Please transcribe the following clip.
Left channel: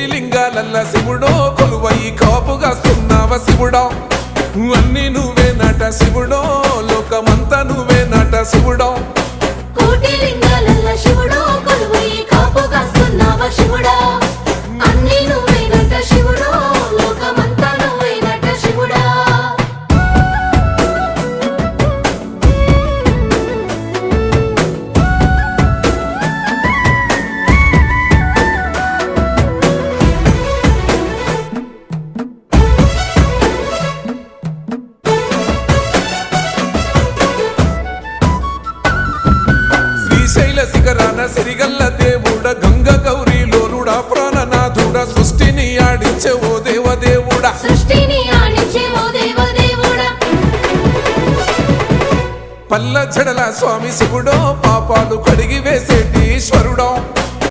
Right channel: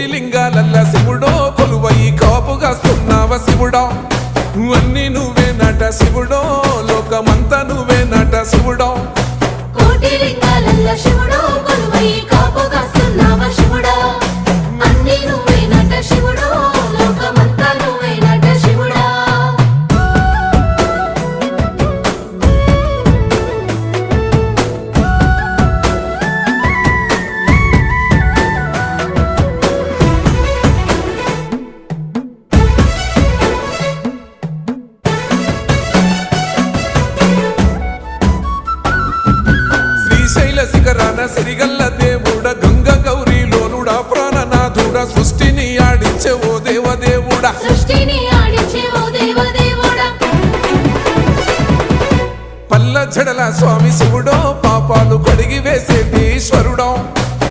కోటి లింగాలల్ల శివుడో కొలువయి కాపుగాస్తున్నావ శివుడా అన్ని నువ్వే నట శివుడో లోకమంతా నువ్వే నట శివుడో కోటి లింగాలల్ల శివుడో కొలువయి కాపుగాస్తున్నావ శివుడా అన్ని నువ్వే నట శివుడో లోకమంతా నువ్వే నట శివుడా శ్రీశైల శిఖరాన సిరిగల్ల దేవుడ గంగ గౌరీ లోలుడా ప్రాణనాథుడ సృష్టిని ఆడించే ఓ దేవదేవుడా సృష్టిని ఆడించే ఓ దేవదేవుడా పల్ల జడల స్వామి శివుడో పాపాలు కడిగి వేసేటి ఈశ్వరుడో